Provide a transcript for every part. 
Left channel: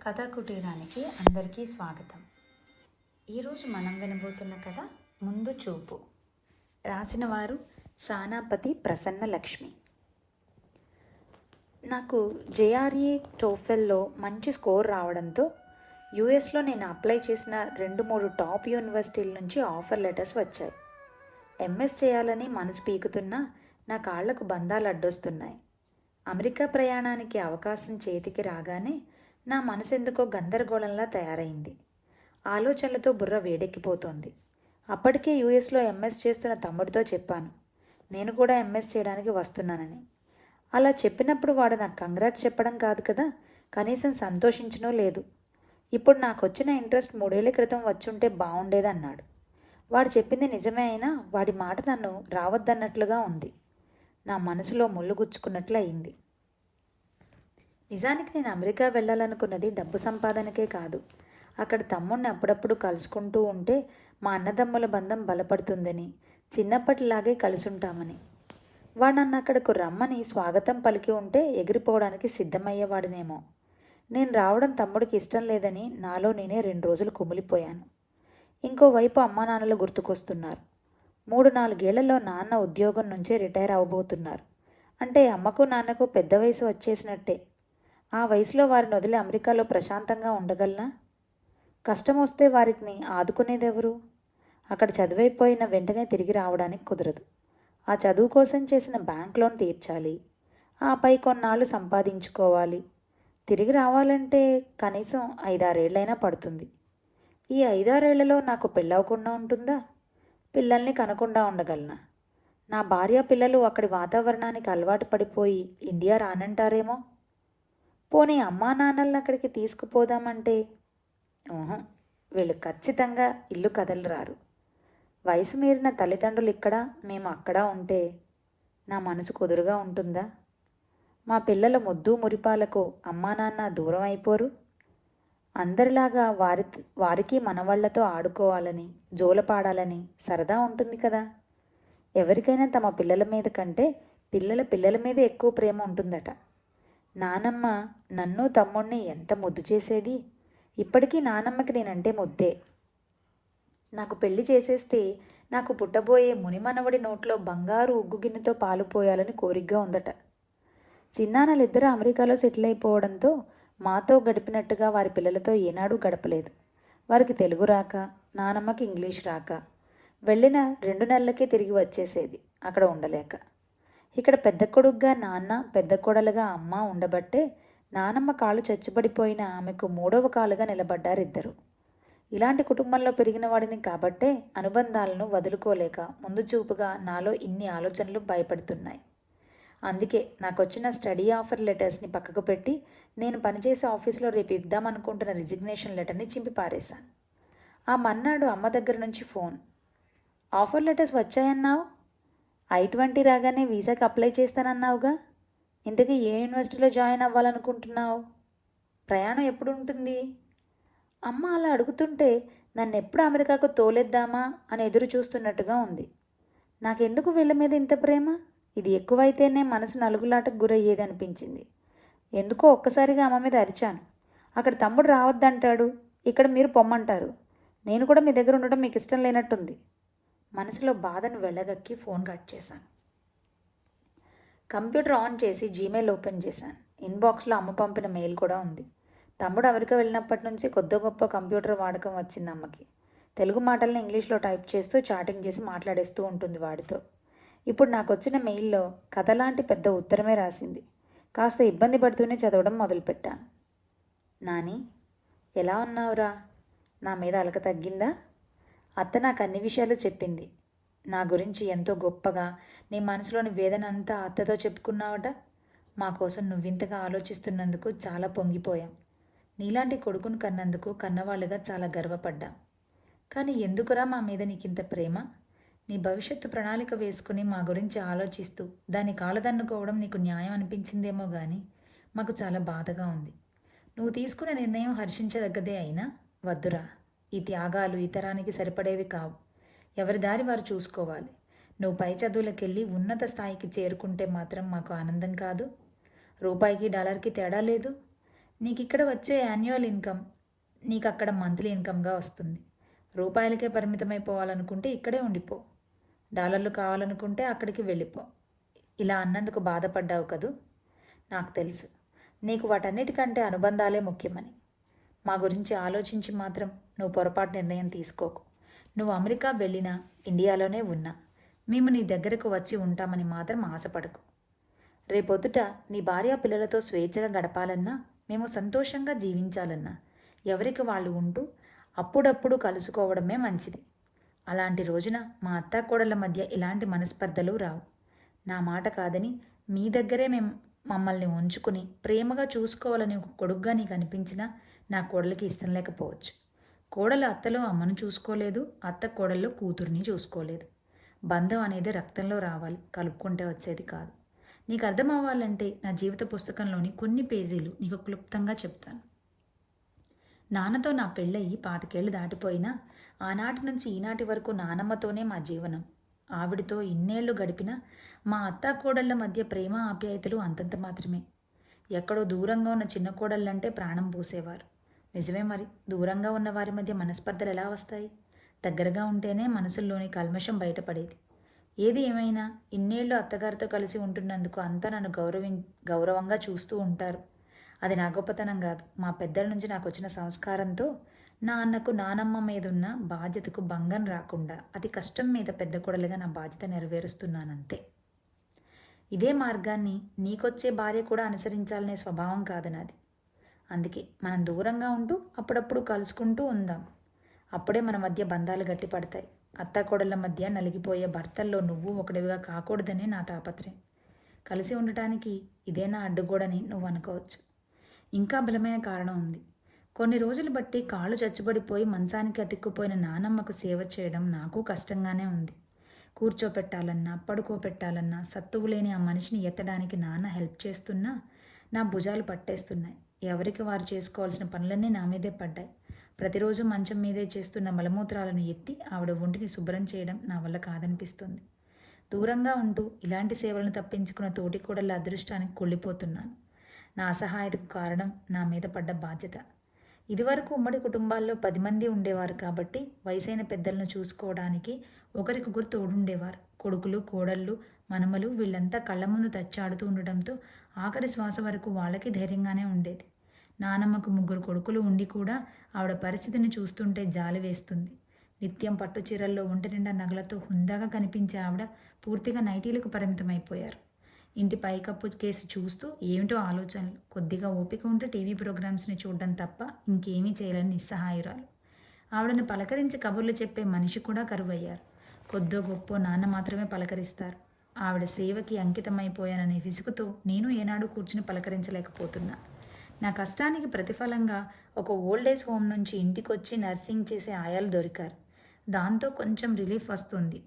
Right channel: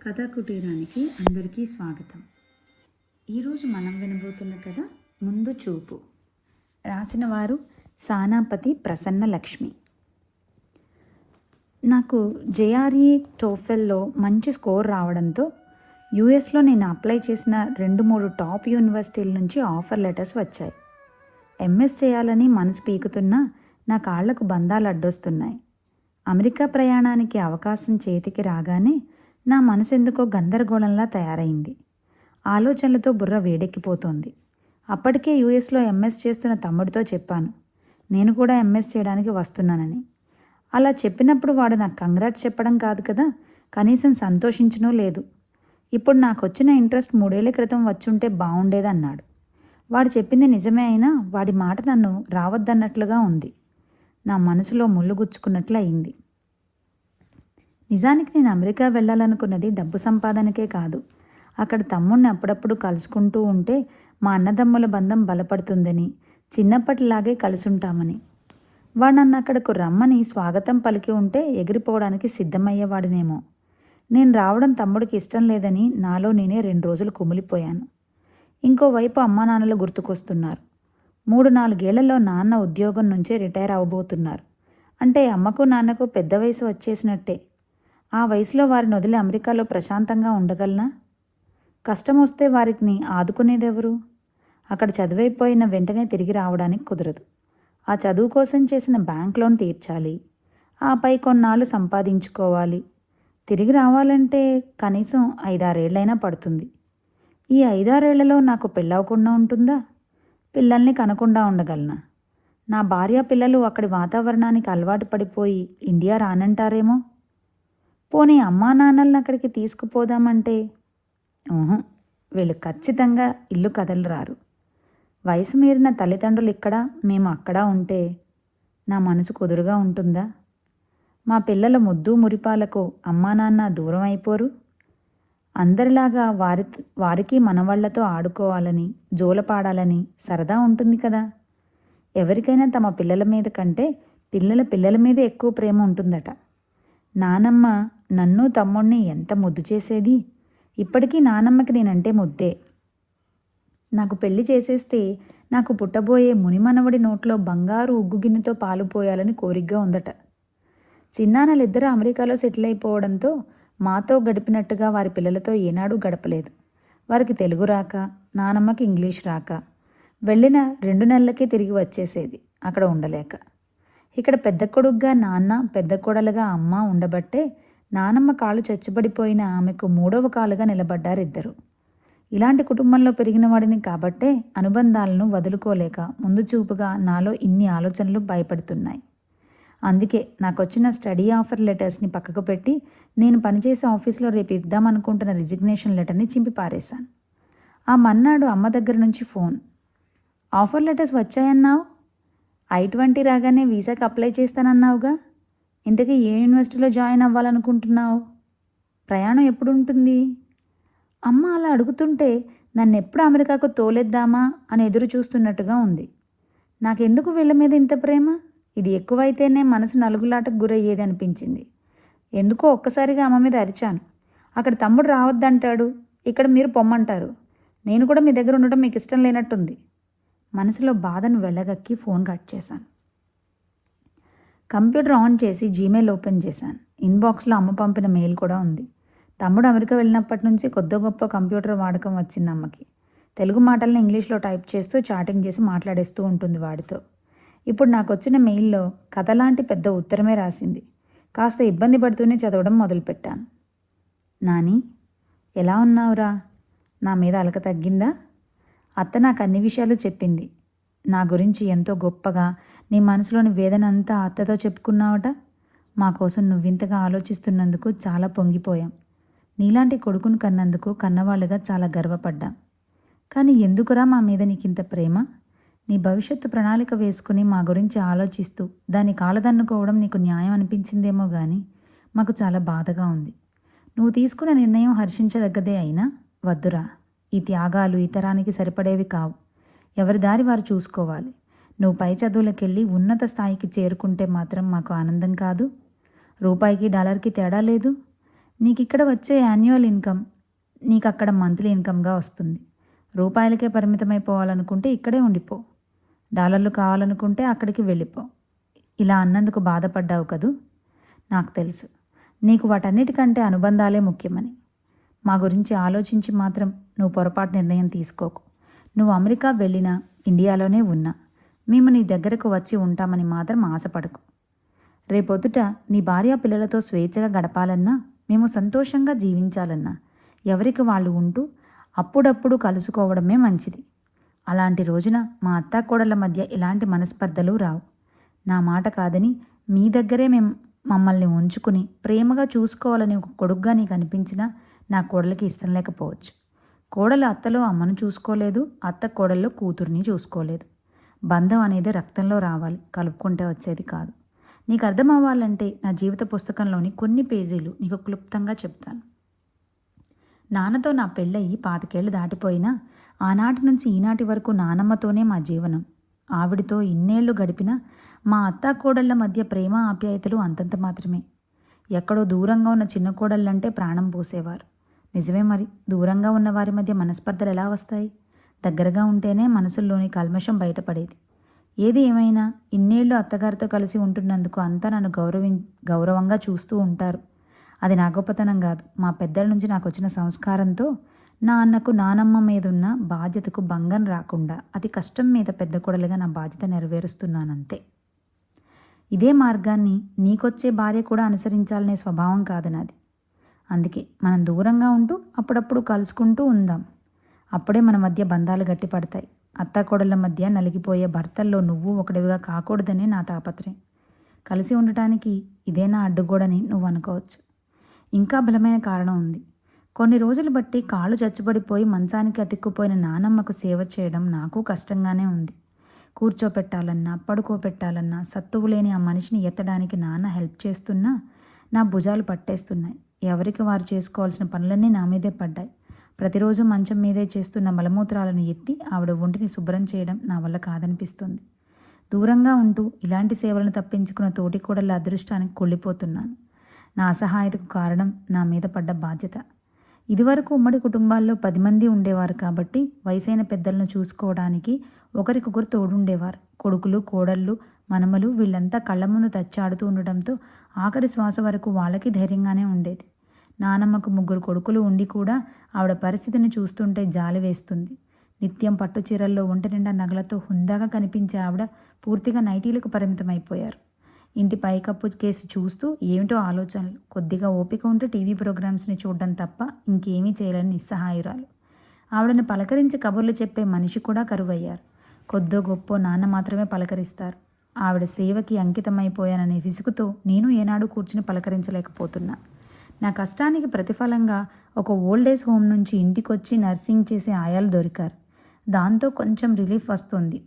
కథా కుటీరానికి అందరికీ స్వాగతం. ఈరోజు మనం వినబోతున్న కథ ముందు చూపు. రాసిన వారు సానాపతి ప్రసన్న లక్ష్మి. నాకు జేఆర్ఈ టోఫెల్లో మంచి స్కోర్ రావడంతో యూఎస్లో నేను అప్లై చేసిన 2-3 టాప్ యూనివర్సిటీల నుంచి ఆఫర్ లెటర్స్ వచ్చాయి. ఎంఎస్ చేయాలని మనసు పీకుతున్నా నా కాళ్లకు బంధాలు అడ్డొస్తున్నాయి. అమెరికా ప్రయాణానికి అవకాశం చేతికి రాగానే నా మనసెందుకో గందరగోళంలా తయారైంది. ఆలోచనలతో బుర్ర వేడెక్కిపోతోంది. అప్పటికే యూఎస్లో ఎంఎస్ చేస్తున్న తమ్ముడితో చెప్పాను, నేను కూడా ఎంఎస్ చేయడానికి వస్తున్నానని. అలా చెప్పినప్పుడు వాడు నాకు కంగ్రాట్స్ చెప్పడం కాదు కదా, కనీసం సంతోషించనూ లేదు. ఇప్పుడు నాకు వచ్చిన ఇంట్రెస్ట్ 3 ఏళ్ల క్రితం వచ్చుంటే బాగుండేదన్నాడు. వాడు చెప్పింది నిజమే అయినా వాడి మాట నన్ను రావద్దన్నట్లుగా ఉంది. నా మనసులో ముళ్ళు గుచ్చుకున్నట్లు అయింది. నిజానికి నేను అమెరికా వెళ్ళాలనుకున్నది డబ్బు సంపాదనకే కాదు. అక్కడ తమ్ముడిని అప్పుడప్పుడు కలుసుకుంటూ ఉంటే మా అన్నదమ్ముల బంధం బలపడుతుందని, చిన్నప్పటిలాగే కలిసుంటామని. వాడు నన్ను అక్కడకు రమ్మని స్వాగతం పలికి ఉంటే ఎగిరిపోవడానికి సిద్ధమయ్యేవాడినేమో. నేను రావడం తమ్ముడికి ఇష్టం లేదని నాలో నేనే 2 రోజులు కుమిలిపోయాను. ఇంకోవైపు అమ్మా నాన్నలు గుర్తుకొస్తున్నారు. 3-4 ఏళ్లలో నాన్న ఉద్యోగం నుంచే రిటైర్ అవ్వబోతున్నారు. అంటే అమ్మకు నాన్నకు పెద్ద వయసు వచ్చేసినట్టే. ఆ వయసులో వారిని వదిలి అమెరికాలో ప్రశాంతంగా ఉండగలనా? కష్టం వస్తే వారిని ఆదుకునేదెవరు? అక్కడ చదువైపోయిన వెంటనే తిరిగి రావడానికి కుదరదు. ఆ చదువు కోసం చేసిన బ్యాంక్ లోన్ తీర్చాలి. ఆపై కొన్నాళ్ళు సంపాదించుకోవాలి. తిరిగి రావాలంటే కనీసం 5-6 ఏళ్ళైనా పడుతుంది. ఈ 5-6 ఏళ్లలో నాకు పెళ్ళవకుండా ఉంటుందా? పిల్లల్ని కనకుండా ఉండగలనా? నా భార్య పిల్లలు అక్కడి వాతావరణానికి అలవాటు పడిపోయి ఇండియా రానంటారేమో. పోనీ అమ్మా నాన్నల్ని అక్కడికి తీసుకుపోదామంటే వీళ్ళు ఖచ్చితంగా ఇల్లు కదలరారు. వయసు మీరిన తల్లిదండ్రులు ఇక్కడ, మేము అక్కడ ఉంటే నా మనసు కుదురుగా ఉంటుందా? మా పిల్లల ముద్దు మురిపాలకు అమ్మా నాన్న దూరం అయిపోరు? అందరిలాగా వారికి మనవాళ్లతో ఆడుకోవాలని, జోలపాడాలని సరదా ఉంటుంది కదా. ఎవరికైనా తమ పిల్లల మీద కంటే పిల్లల మీద ఎక్కువ ప్రేమ ఉంటుందట. నానమ్మ నన్ను తమ్ముణ్ణి ఎంత ముద్దు చేసేది. ఇప్పటికీ నానమ్మకి నేనంటే ముద్దే. నాకు పెళ్లి చేసేస్తే నాకు పుట్టబోయే మునిమనవడి నోట్లో బంగారు ఉగ్గు గిన్నెతో పాలు పోయాలని కోరికగా ఉందట. చిన్నాన్నలిద్దరూ అమెరికాలో సెటిల్ అయిపోవడంతో మాతో గడిపినట్టుగా వారి పిల్లలతో ఏనాడూ గడపలేదు. వారికి తెలుగు రాక, నానమ్మకి ఇంగ్లీష్ రాక, వెళ్ళిన 2 నెలలకే తిరిగి వచ్చేసేది అక్కడ ఉండలేక. ఇక్కడ పెద్ద కొడుగ్గా నాన్న, పెద్ద కోడలుగా అమ్మ ఉండబట్టే నానమ్మ కాళ్ళు చచ్చుబడిపోయిన ఆమెకు 3వ కాలుగా నిలబడ్డారిద్దరు. ఇలాంటి కుటుంబంలో పెరిగిన వాడిని కాబట్టే అనుబంధాలను వదులుకోలేక ముందు చూపుగా నాలో ఇన్ని ఆలోచనలు భయపడుతున్నాయి. అందుకే నాకొచ్చిన స్టడీ ఆఫర్ లెటర్స్ని పక్కకు పెట్టి నేను పనిచేసే ఆఫీస్లో రేపు ఇద్దామనుకుంటున్న రిజిగ్నేషన్ లెటర్ని చింపి పారేశాను. ఆ మన్నాడు అమ్మ దగ్గర నుంచి ఫోన్. ఆఫర్ లెటర్స్ వచ్చాయన్నావు, I-20 రాగానే వీసాకి అప్లై చేస్తానన్నావుగా, ఇంతకీ ఏ యూనివర్సిటీలో జాయిన్ అవ్వాలనుకుంటున్నావు? ప్రయాణం ఎప్పుడు ఉంటుంది? అమ్మ అలా అడుగుతుంటే నన్ను ఎప్పుడు అమెరికాకు తోలేద్దామా అని ఎదురు చూస్తున్నట్టుగా ఉంది. నాకెందుకు వీళ్ళ మీద ఇంత ప్రేమ? ఇది ఎక్కువైతేనే మనసు నలుగులాటకు గురయ్యేది అనిపించింది. ఎందుకో ఒక్కసారిగా అమ్మ మీద అరిచాను. అక్కడ తమ్ముడు రావద్దంటాడు, ఇక్కడ మీరు పొమ్మంటారు. నేను కూడా మీ దగ్గర ఉండటం మీకు ఇష్టం లేనట్టుంది. మనసులో బాధను వెళ్ళగక్కి ఫోన్ కట్ చేశాను. కంప్యూటర్ ఆన్ చేసి జీమెయిల్ ఓపెన్ చేశాను. ఇన్బాక్స్లో అమ్మ పంపిన మెయిల్ కూడా ఉంది. తమ్ముడు అమెరికా వెళ్ళినప్పటి నుంచి కొద్ది గొప్ప కంప్యూటర్ వాడకం వచ్చింది అమ్మకి. తెలుగు మాటల్ని ఇంగ్లీష్లో టైప్ చేస్తూ చాటింగ్ చేసి మాట్లాడేస్తూ ఉంటుంది వాడితో. ఇప్పుడు నాకు వచ్చిన మెయిల్లో కథలాంటి పెద్ద ఉత్తరమే రాసింది. కాస్త ఇబ్బంది పడుతూనే చదవడం మొదలుపెట్టాను. నాని, ఎలా ఉన్నావురా? నా మీద అలక తగ్గిందా? అత్త నాకు అన్ని విషయాలు చెప్పింది. నా గురించి ఎంతో గొప్పగా, నీ మనసులోని వేదన అంతా అత్తతో చెప్పుకున్నావట. మా కోసం నువ్వింతగా ఆలోచిస్తున్నందుకు చాలా పొంగిపోయాం. నీలాంటి కొడుకును కన్నందుకు కన్నవాళ్ళుగా చాలా గర్వపడ్డాం. కానీ ఎందుకురా మా మీద నీకింత ప్రేమ? నీ భవిష్యత్తు ప్రణాళిక వేసుకుని మా గురించి ఆలోచిస్తూ దాన్ని కాలదన్నుకోవడం నీకు న్యాయం అనిపించిందేమో కానీ మాకు చాలా బాధగా ఉంది. నువ్వు తీసుకున్న నిర్ణయం హర్షించదగ్గదే అయినా వద్దురా. ఈ త్యాగాలు ఈ తరానికి సరిపడేవి కావు. ఎవరి దారి వారు చూసుకోవాలి. నువ్వు పై చదువులకెళ్ళి ఉన్నత స్థాయికి చేరుకుంటే మాత్రం మాకు ఆనందం కాదు. రూపాయికి డాలర్కి తేడా లేదు. నీకిక్కడ వచ్చే యాన్యువల్ ఇన్కమ్ నీకు అక్కడ మంత్లీ ఇన్కమ్గా వస్తుంది. రూపాయలకే పరిమితమైపోవాలనుకుంటే ఇక్కడే ఉండిపో. డాలర్లు కావాలనుకుంటే అక్కడికి వెళ్ళిపో. ఇలా అన్నందుకు బాధపడ్డావు కదూ. నాకు తెలుసు నీకు వాటన్నిటికంటే అనుబంధాలే ముఖ్యమని. మా గురించి ఆలోచించి మాత్రం నువ్వు పొరపాటు నిర్ణయం తీసుకోకు. నువ్వు అమెరికా వెళ్ళినా ఇండియాలోనే ఉన్నా మేము నీ దగ్గరకు వచ్చి ఉంటామని మాత్రం ఆశపడకు. రేపొద్దుట నీ భార్య పిల్లలతో స్వేచ్ఛగా గడపాలన్నా, మేము సంతోషంగా జీవించాలన్నా ఎవరికి వాళ్ళు ఉంటూ అప్పుడప్పుడు కలుసుకోవడమే మంచిది. అలాంటి రోజున మా అత్తాకోడళ్ళ మధ్య ఎలాంటి మనస్పర్ధలు రావు. నా మాట కాదని మీ దగ్గరే మమ్మల్ని ఉంచుకుని ప్రేమగా చూసుకోవాలని ఒక కొడుగ్గా నీకు అనిపించినా నా కోడలికి ఇష్టం లేకపోవచ్చు. కోడలు అత్తలో అమ్మను చూసుకోలేదు, అత్త కోడల్లో కూతుర్ని చూసుకోలేదు. బంధం అనేది రక్తంలో రావాలి, కలుపుకుంటే వచ్చేది కాదు. నీకు అర్థం అవ్వాలంటే నా జీవిత పుస్తకంలోని కొన్ని పేజీలు నీకు క్లుప్తంగా చెప్తాను. నాన్నతో నా పెళ్ళయి 25 ఏళ్ళు దాటిపోయినా ఆనాటి నుంచి ఈనాటి వరకు నానమ్మతోనే మా జీవనం. ఆవిడతో ఇన్నేళ్లు గడిపినా మా అత్తా కోడళ్ల మధ్య ప్రేమ ఆప్యాయతలు అంతంత మాత్రమే. ఎక్కడో దూరంగా ఉన్న చిన్న కోడళ్ళంటే ప్రాణం పోసేవారు. నిజమే మరి, దూరంగా ఉన్న వారి మధ్య మనస్పర్ధలు ఎలా వస్తాయి? దగ్గరగా ఉంటేనే మనసుల్లోని కల్మషం బయటపడేది. ఏది ఏమైనా ఇన్నేళ్లు అత్తగారితో కలిసి ఉంటున్నందుకు అంతా నన్ను గౌరవంగా చూస్తూ ఉంటారు. అది నా గొప్పతనం కాదు, మా పెద్దల నుంచి నాకు వచ్చిన సంస్కారంతో నా అన్నకు నానమ్మ మీదున్న బాధ్యతకు భంగం రాకుండా అతి కష్టం మీద పెద్ద కొడలుగా నా బాధ్యత నెరవేరుస్తున్నానంతే. ఇదే మార్గాన్ని నీకొచ్చే భార్య కూడా అనుసరించాలనే స్వభావం కాదు నాది. అందుకే మనం దూరంగా ఉంటూ అప్పుడప్పుడు కలుసుకుంటూ ఉందాం. అప్పుడే మన మధ్య బంధాలు గట్టిపడతాయి. అత్తాకోడళ్ళ మధ్య నలిగిపోయే భర్తల్లో నువ్వు ఒకటివిగా కాకూడదనే నా తాపత్రయం. కలిసి ఉండటానికి ఇదే నా అడ్డుగోడని నువ్వు అనుకోవచ్చు. ఇంకా బలమైన కారణం ఉంది. కొన్ని రోజులు బట్టి కాళ్ళు చచ్చుబడిపోయి మంచానికి అతిక్కుపోయిన నానమ్మకు సేవ చేయడం నాకు కష్టంగానే ఉంది. కూర్చోపెట్టాలన్నా, పడుకోపెట్టాలన్నా సత్తువు లేని ఆ మనిషిని ఎత్తడానికి నాన్న హెల్ప్ చేస్తున్నా నా భుజాలు పట్టేస్తున్నాయి. ఎవరికి వారు చేసుకోవాల్సిన పనులన్నీ నా మీదే పడ్డాయి. ప్రతిరోజు మంచం మీదే చేస్తున్న మలమూత్రాలను ఎత్తి ఆవిడ ఒంటిని శుభ్రం చేయడం నా వల్ల కాదనిపిస్తుంది. దూరంగా ఉంటూ ఇలాంటి సేవలను తప్పించుకున్న తోటి కోడళ్ళ అదృష్టానికి కుళ్ళిపోతున్నాను. నా అసహాయతకు కారణం నా మీద పడ్డ బాధ్యత. ఇదివరకు ఉమ్మడి కుటుంబాల్లో 10 మంది ఉండేవారు కాబట్టి వయసైన పెద్దలను చూసుకోవడానికి ఒకరికొకరు తోడుండేవారు. కొడుకులు, కోడళ్ళు, మనమలు వీళ్ళంతా కళ్ళ ముందు తచ్చాడుతూ ఉండటంతో ఆఖరి శ్వాస వరకు వాళ్ళకి ధైర్యంగానే ఉండేది. నానమ్మకు 3 కొడుకులు ఉండి కూడా ఆవిడ పరిస్థితిని చూస్తుంటే జాలి వేస్తుంది. నిత్యం పట్టు చీరల్లో ఒంటి నిండా నగలతో హుందాగా కనిపించే ఆవిడ పూర్తిగా నైటీలకు పరిమితమైపోయారు. ఇంటి పైకప్పు కేసు చూస్తూ ఏమిటో ఆలోచనలు. కొద్దిగా ఓపిక ఉంటే టీవీ ప్రోగ్రామ్స్ని చూడడం తప్ప ఇంకేమీ చేయలేని నిస్సహాయురాలు. ఆవిడని పలకరించి కబుర్లు చెప్పే మనిషి కూడా కరువయ్యారు. కొద్దో గొప్పో నాన్న మాత్రమే పలకరిస్తారు. ఆవిడ సేవకి అంకితమైపోయాననే విసుగుతో నేను ఏనాడు కూర్చుని పలకరించలేకపోతున్నా. నా కష్టానికి ప్రతిఫలంగా ఒక ఓల్డేజ్ హోమ్ నుంచి ఇంటికొచ్చి నర్సింగ్ చేసే ఆయాలు దొరికారు. దాంతో కొంచెం రిలీఫ్ వస్తుంది.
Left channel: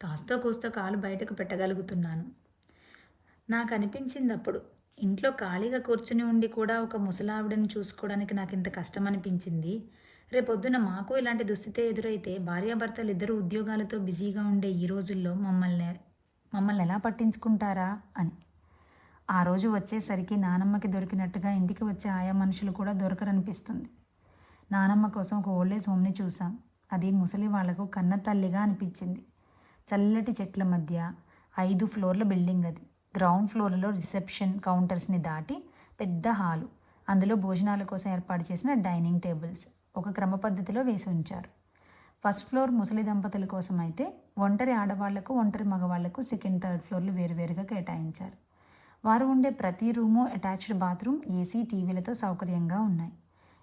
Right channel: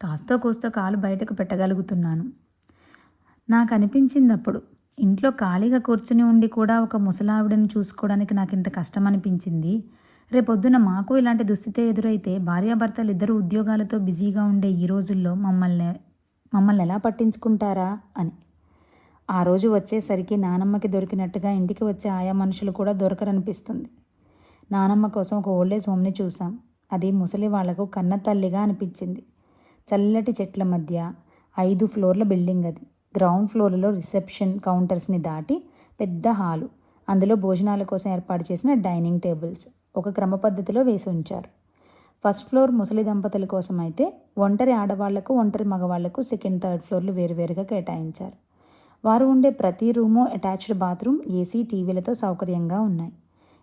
కాస్తో కూస్తో కాలు బయటకు పెట్టగలుగుతున్నాను. నాకు అనిపించింది అప్పుడు, ఇంట్లో ఖాళీగా కూర్చుని ఉండి కూడా ఒక ముసలావిడని చూసుకోవడానికి నాకు ఇంత కష్టం అనిపించింది. రేపొద్దున మాకు ఇలాంటి దుస్థితే ఎదురైతే భార్యాభర్తలు ఇద్దరు ఉద్యోగాలతో బిజీగా ఉండే ఈ రోజుల్లో మమ్మల్ని ఎలా పట్టించుకుంటారా అని. ఆ రోజు వచ్చేసరికి నానమ్మకి దొరికినట్టుగా ఇంటికి వచ్చే ఆయా మనుషులు కూడా దొరకరనిపిస్తుంది. నానమ్మ కోసం ఒక ఓల్డేజ్ హోమ్ని చూసాం. అది ముసలి వాళ్లకు కన్న తల్లిగా అనిపించింది. చల్లటి చెట్ల మధ్య 5 ఫ్లోర్ల బిల్డింగ్ అది. గ్రౌండ్ ఫ్లోర్లో రిసెప్షన్ కౌంటర్స్ని దాటి పెద్ద హాలు, అందులో భోజనాల కోసం ఏర్పాటు చేసిన డైనింగ్ టేబుల్స్ ఒక క్రమ పద్ధతిలో వేసి ఉంచారు. ఫస్ట్ ఫ్లోర్ ముసలి దంపతుల కోసం అయితే ఒంటరి ఆడవాళ్లకు, ఒంటరి మగవాళ్లకు సెకండ్, థర్డ్ ఫ్లోర్లు వేరువేరుగా కేటాయించారు. వారు ఉండే ప్రతి రూము అటాచ్డ్ బాత్రూమ్, ఏసీ, టీవీలతో సౌకర్యంగా ఉన్నాయి.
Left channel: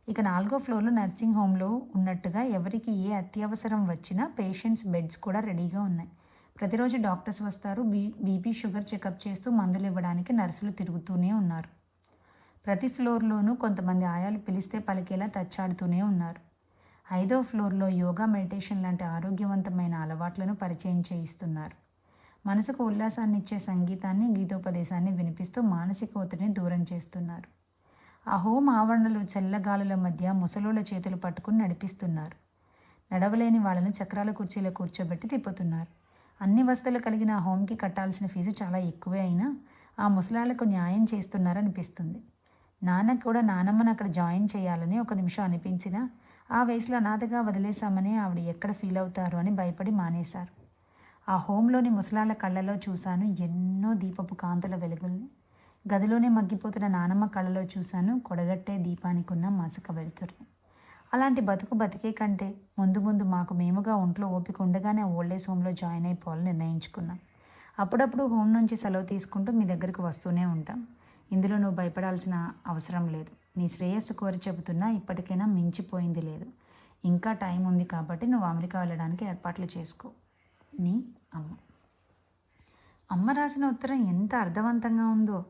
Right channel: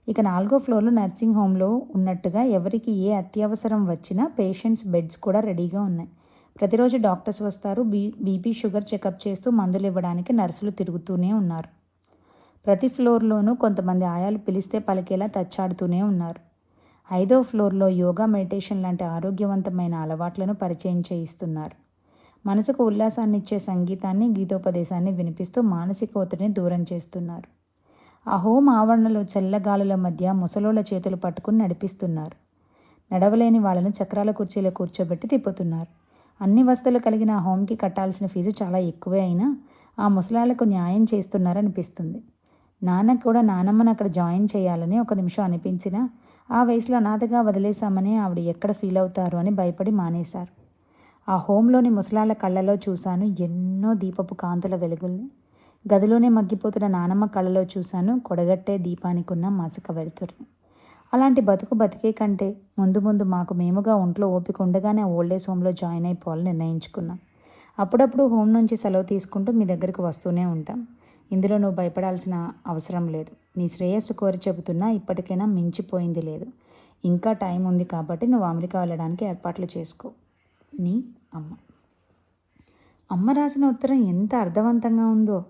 ఇక 4వ ఫ్లోర్లో నర్సింగ్ హోమ్లో ఉన్నట్టుగా ఎవరికి ఏ అత్యవసరం వచ్చినా పేషెంట్స్ బెడ్స్ కూడా రెడీగా ఉన్నాయి. ప్రతిరోజు డాక్టర్స్ వస్తారు. బీపీ, షుగర్ చెకప్ చేస్తూ మందులు ఇవ్వడానికి నర్సులు తిరుగుతూనే ఉన్నారు. ప్రతి ఫ్లోర్లోనూ కొంతమంది ఆయాలు పిలిస్తే పలికేలా తచ్చాడుతూనే ఉన్నారు. 5వ ఫ్లోర్లో యోగా, మెడిటేషన్ లాంటి ఆరోగ్యవంతమైన అలవాట్లను పరిచయం చేయిస్తున్నారు. మనసుకు ఉల్లాసాన్ని ఇచ్చే సంగీతాన్ని, గీతోపదేశాన్ని వినిపిస్తూ మానసిక ఒత్తిడిని దూరం చేస్తున్నారు. ఆ హోమ్ ఆవరణలో చల్లగాలుల మధ్య ముసలోళ్ళ చేతులు పట్టుకుని నడిపిస్తున్నారు. నడవలేని వాళ్ళను చక్రాల కుర్చీలో కూర్చోబెట్టి తిప్పుతున్నారు. అన్ని వసతులు కలిగిన ఆ హోమ్కి కట్టాల్సిన ఫీజు చాలా ఎక్కువే అయినా ఆ ముసలాళ్లకు న్యాయం చేస్తున్నారనిపిస్తుంది. నాన్నకు కూడా నానమ్మని అక్కడ జాయిన్ చేయాలని ఒక నిమిషం అనిపించినా ఆ వయసులో అనాథగా వదిలేశామని ఆవిడ ఎక్కడ ఫీల్ అవుతారు అని భయపడి మానేశారు. ఆ హోంలోని ముసలాళ్ళ కళ్ళలో చూశాను ఎన్నో దీపపు కాంతుల వెలుగుల్ని. గదిలోనే మగ్గిపోతున్న నానమ్మ కళ్ళలో చూశాను కొడగట్టే దీపానికున్న మసక వెలుతురుని. అలాంటి బతుకు బతికే కంటే ముందు ముందు మాకు మేముగా ఒంట్లో ఓపిక ఉండగానే ఓల్డేజ్ హోమ్లో జాయిన్ అయిపోవాలని నిర్ణయించుకున్నాం. అప్పుడప్పుడు హోమ్ నుంచి సెలవు తీసుకుంటూ మీ దగ్గరికి వస్తూనే ఉంటాం. ఇందులో నువ్వు భయపడాల్సిన అవసరం లేదు. నీ శ్రేయస్సు కోరి చెబుతున్నా ఇప్పటికైనా మించిపోయింది లేదు. ఇంకా టైం ఉంది కాబట్టి నువ్వు అమెరికా వెళ్ళడానికి ఏర్పాట్లు చేసుకో. నీ అమ్మ. అమ్మ రాసిన ఉత్తరం ఎంత అర్థవంతంగా ఉందో.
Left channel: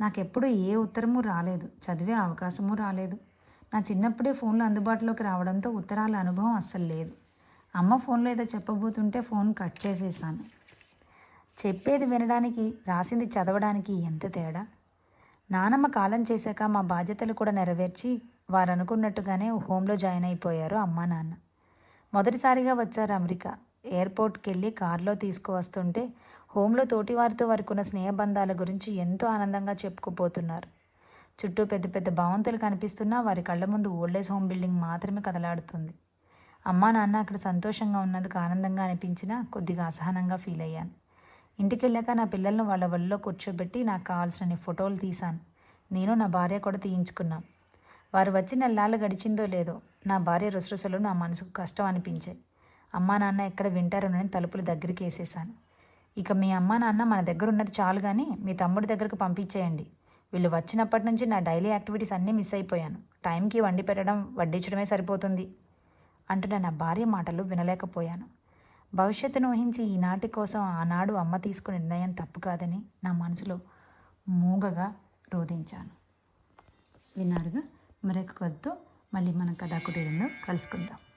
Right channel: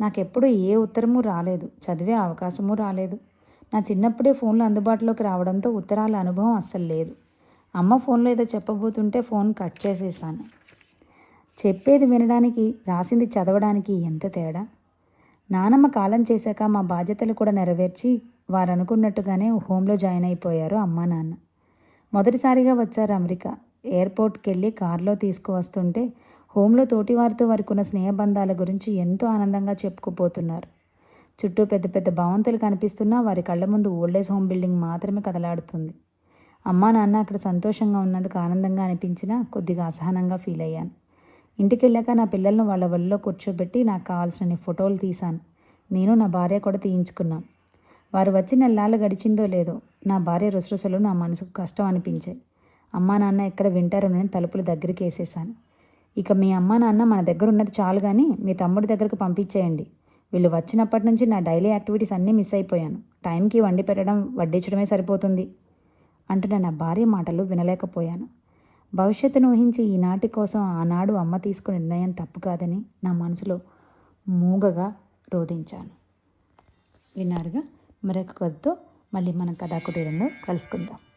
నాకెప్పుడు ఏ ఉత్తరము రాలేదు, చదివే అవకాశము రాలేదు. నా చిన్నప్పుడే ఫోన్లు అందుబాటులోకి రావడంతో ఉత్తరాల అనుభవం అస్సలు లేదు. అమ్మ ఫోన్లో ఏదో చెప్పబోతుంటే ఫోన్ కట్ చేసేసాను. చెప్పేది వినడానికి, రాసింది చదవడానికి ఎంత తేడా. నానమ్మ కాలం చేశాక మా బాధ్యతలు కూడా నెరవేర్చి వారు అనుకున్నట్టుగానే హోంలో జాయిన్ అయిపోయారు అమ్మా నాన్న. మొదటిసారిగా వచ్చారు అమెరికా. ఎయిర్పోర్ట్కి వెళ్ళి కారులో తీసుకువస్తుంటే హోంలో తోటివారితో వారికున్న స్నేహబంధాల గురించి ఎంతో ఆనందంగా చెప్పుకుపోతున్నారు. చుట్టూ పెద్ద పెద్ద భవంతులు కనిపిస్తున్నా వారి కళ్ళ ముందు ఓల్డేజ్ హోమ్ బిల్డింగ్ మాత్రమే కదలాడుతుంది. అమ్మా నాన్న అక్కడ సంతోషంగా ఉన్నందుకు ఆనందంగా అనిపించినా కొద్దిగా అసహనంగా ఫీల్ అయ్యాను. ఇంటికి వెళ్ళాక నా పిల్లలను వాళ్ళ ఒళ్ళో కూర్చోబెట్టి నాకు కావాల్సిన ఫోటోలు తీశాను. నేను నా భార్య కూడా తీయించుకున్నాం. వారు వచ్చి నెలలు గడిచిందో లేదో నా భార్య రుసరుసలు నా మనసుకు కష్టం అనిపించాయి. అమ్మా నాన్న ఎక్కడ వింటారోనని తలుపులు దగ్గరికి వేసేసాను. ఇక మీ అమ్మా నాన్న మన దగ్గర ఉన్నది చాలు కానీ మీ తమ్ముడి దగ్గరకు పంపించేయండి. వీళ్ళు వచ్చినప్పటి నుంచి నా డైలీ యాక్టివిటీస్ అన్నీ మిస్ అయిపోయాను. టైంకి వండి పెట్టడం వడ్డించడమే సరిపోతుంది అంటున్న నా భార్య మాటలు వినలేకపోయాను. భవిష్యత్తును ఊహించి ఈనాటి కోసం ఆనాడు అమ్మ తీసుకున్న నిర్ణయం తప్పు కాదని నా మనసులో మూగగా రోధించాను. విన్నారుగా, మరొక కథతో మళ్ళీ మనం కథాకుటీరంలో కలుసుకుందాం.